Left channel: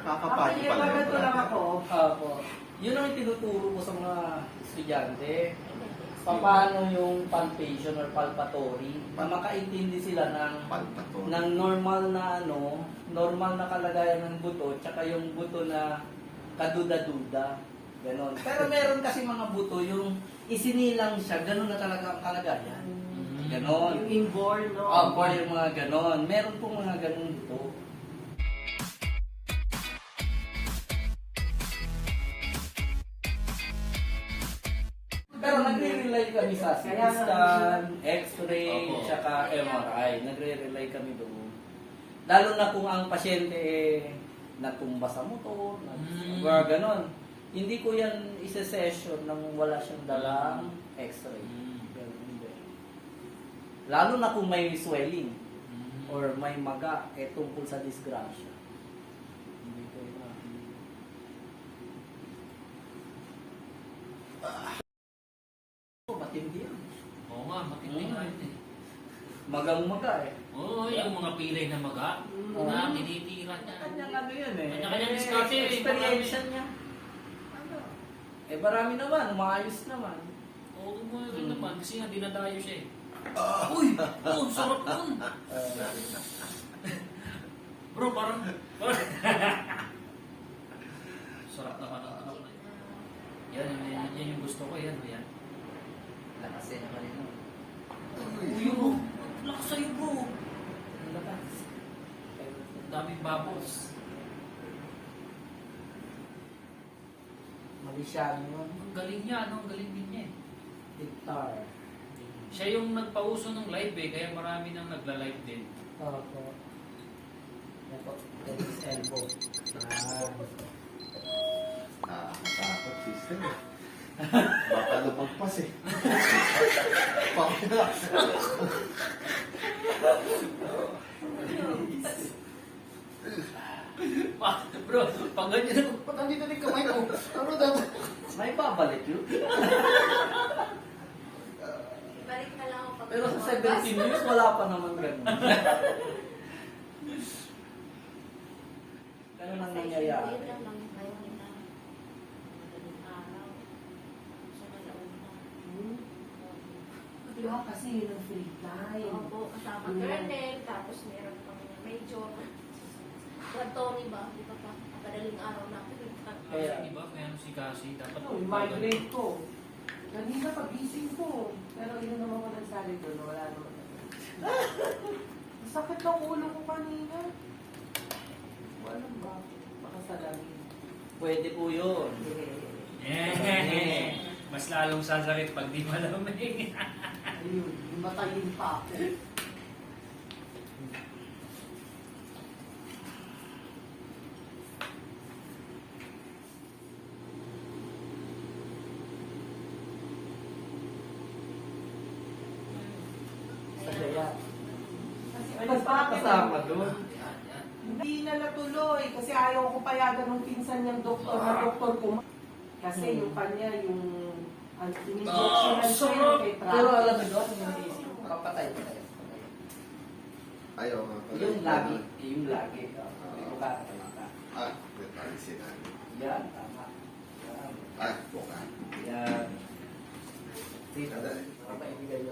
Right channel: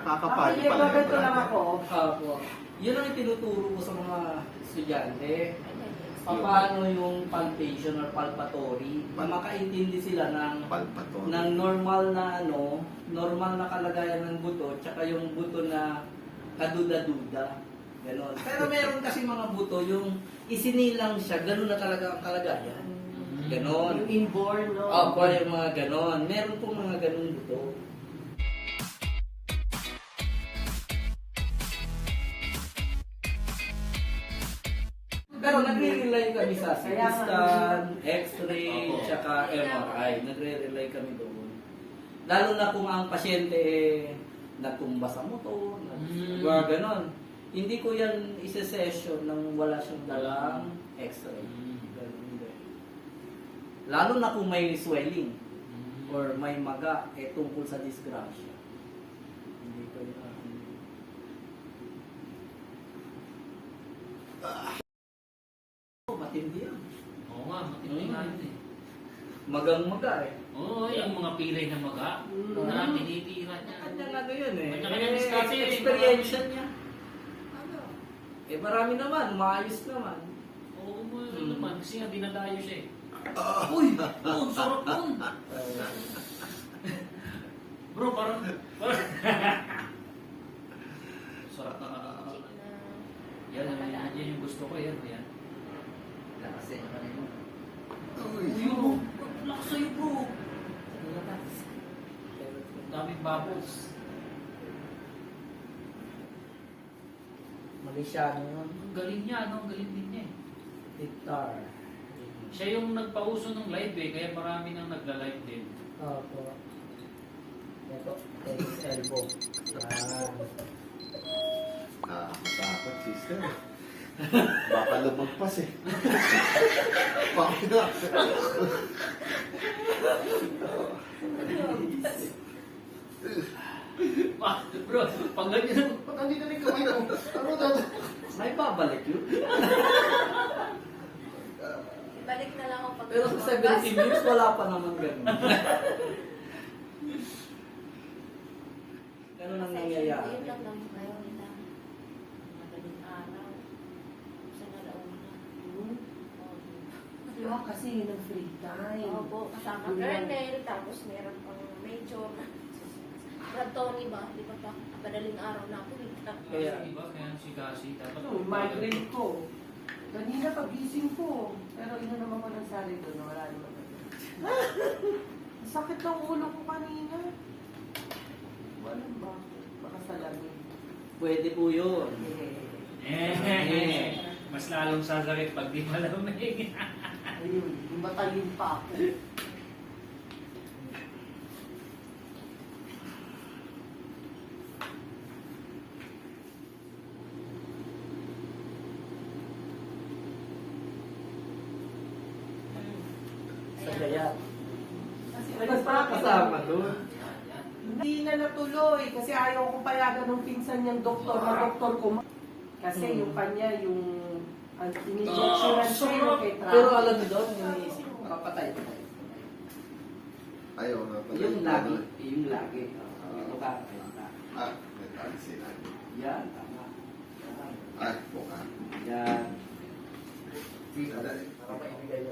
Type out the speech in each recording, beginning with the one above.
Nakakapagod pala yung brother. Opo. Yun ang itinuturo ko sa mga estudyante. Paano yung palpation or palpatory na makaintindi sila Palpatory. ng normal na normal na kalagayan ng buto tsaka yung buto na kaduda-duda. Ganon. Pero meron kasi mga buto yung isinilang siya, ganon na talaga ang kalagayan. Ganon. Yung inborn, no? Opo, yung mga ganon. Meron po mga ganon buto. Pero nagre-rely kami sa CT scan, X-ray, tsaka MRI. Nagre-rely kami doon. Lalo na kung ang pasyente natumba sa motor, mga ganon. Hindi ko yan isa-session nang wala siyang dalang X-ray. Ganun, hindi. Lalo na kung may swelling or may maga tungkol sa disgrasya. Hindi ko yan. Matindi yan. Oo nga, matindi nga yun eh. Magang-maga Oo, yung mga pilay na maga, na tinitira niya. Kanyang ano yun Kanya-kanya diskarte yun. experience niya. Marami naman, umaayos naman. Oo, meron naman. Kasi nga dinadayo siya eh. Uy! Oh, sarap nun! Bro, parang... sarap na yan yung gusto ko, yan. Kasi naman yun. Uy, bro! Lakas sa'yo, bro! Daming bubbles. Malaysiano yun. Ang galing niya, no? Ang galing din niya eh. Guitar. Siya yung nagpauso ng live eh, kaya marami nang nagla-live din. Opo. Ito, tennis elbow. Nakakatakot, sister. Baka lumagpas eh. Baka Bro, pag ganyan na rin kamay ko. Bro, May babalik yun. Balik na lang ako pag... Pero sa 17 years, wala pa naman ganun. Ano nang nangyayari? Yun lang lang tayo nila. Madaling araw. Sa nalauna. Diba kasi yun ang free time. Opo, kasama kernel, tapos meron pang major. Brad Tony ba? Di ba pa? Madaling araw na ako dito. Kaya, Diba? Kaya si Kasi dapat... Ano, migraine ko. Kanina pagising ko. Pero ina naman ko nagsari doon na wala naman. Sakit ng ulo ko kanina. Wala ba? Baka sa lamig. pwede po yun. Mas lalong sasakit pag di malamig. Ayun, yung matayin pa ako. Sa kaya. Kasi Ay, kasama doon. Hindi na natuloy kasi ayaw ko payagan ng pinsan niyang doktor na doktor ko. Kasi yung kanya, yung in-injectionan siya yung kay Pero alam mo doon, yung iniisip ko, kapatay ko. ayaw nga pala. Yung lagi. Yung lagi. Buka. Ang sinabi. Yan, tama. Yan. Buka. Yan. Dito.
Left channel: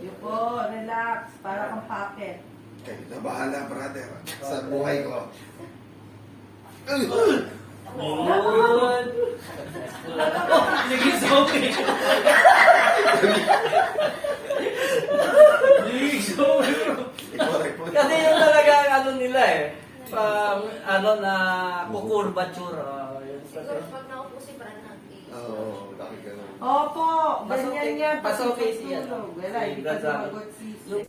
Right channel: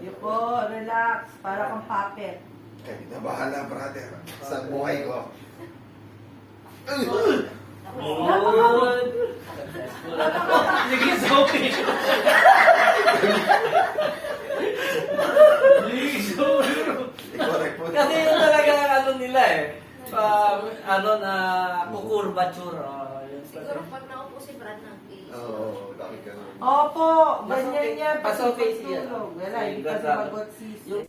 Yung po, relax, para makapit. Okay, nabahala brother. Sa buhay ko. Good. Sige, sa okay. Correct po. Kasi yun talaga ang ano nila eh. Ano na kukurbature. Siguro pag naupo si Brad ng Oo, bakit ganun? Opo, Mas ganyan okay- niya. mas okay siya, no? Wala, hindi Yung ka gazano. sumagot sis. Yung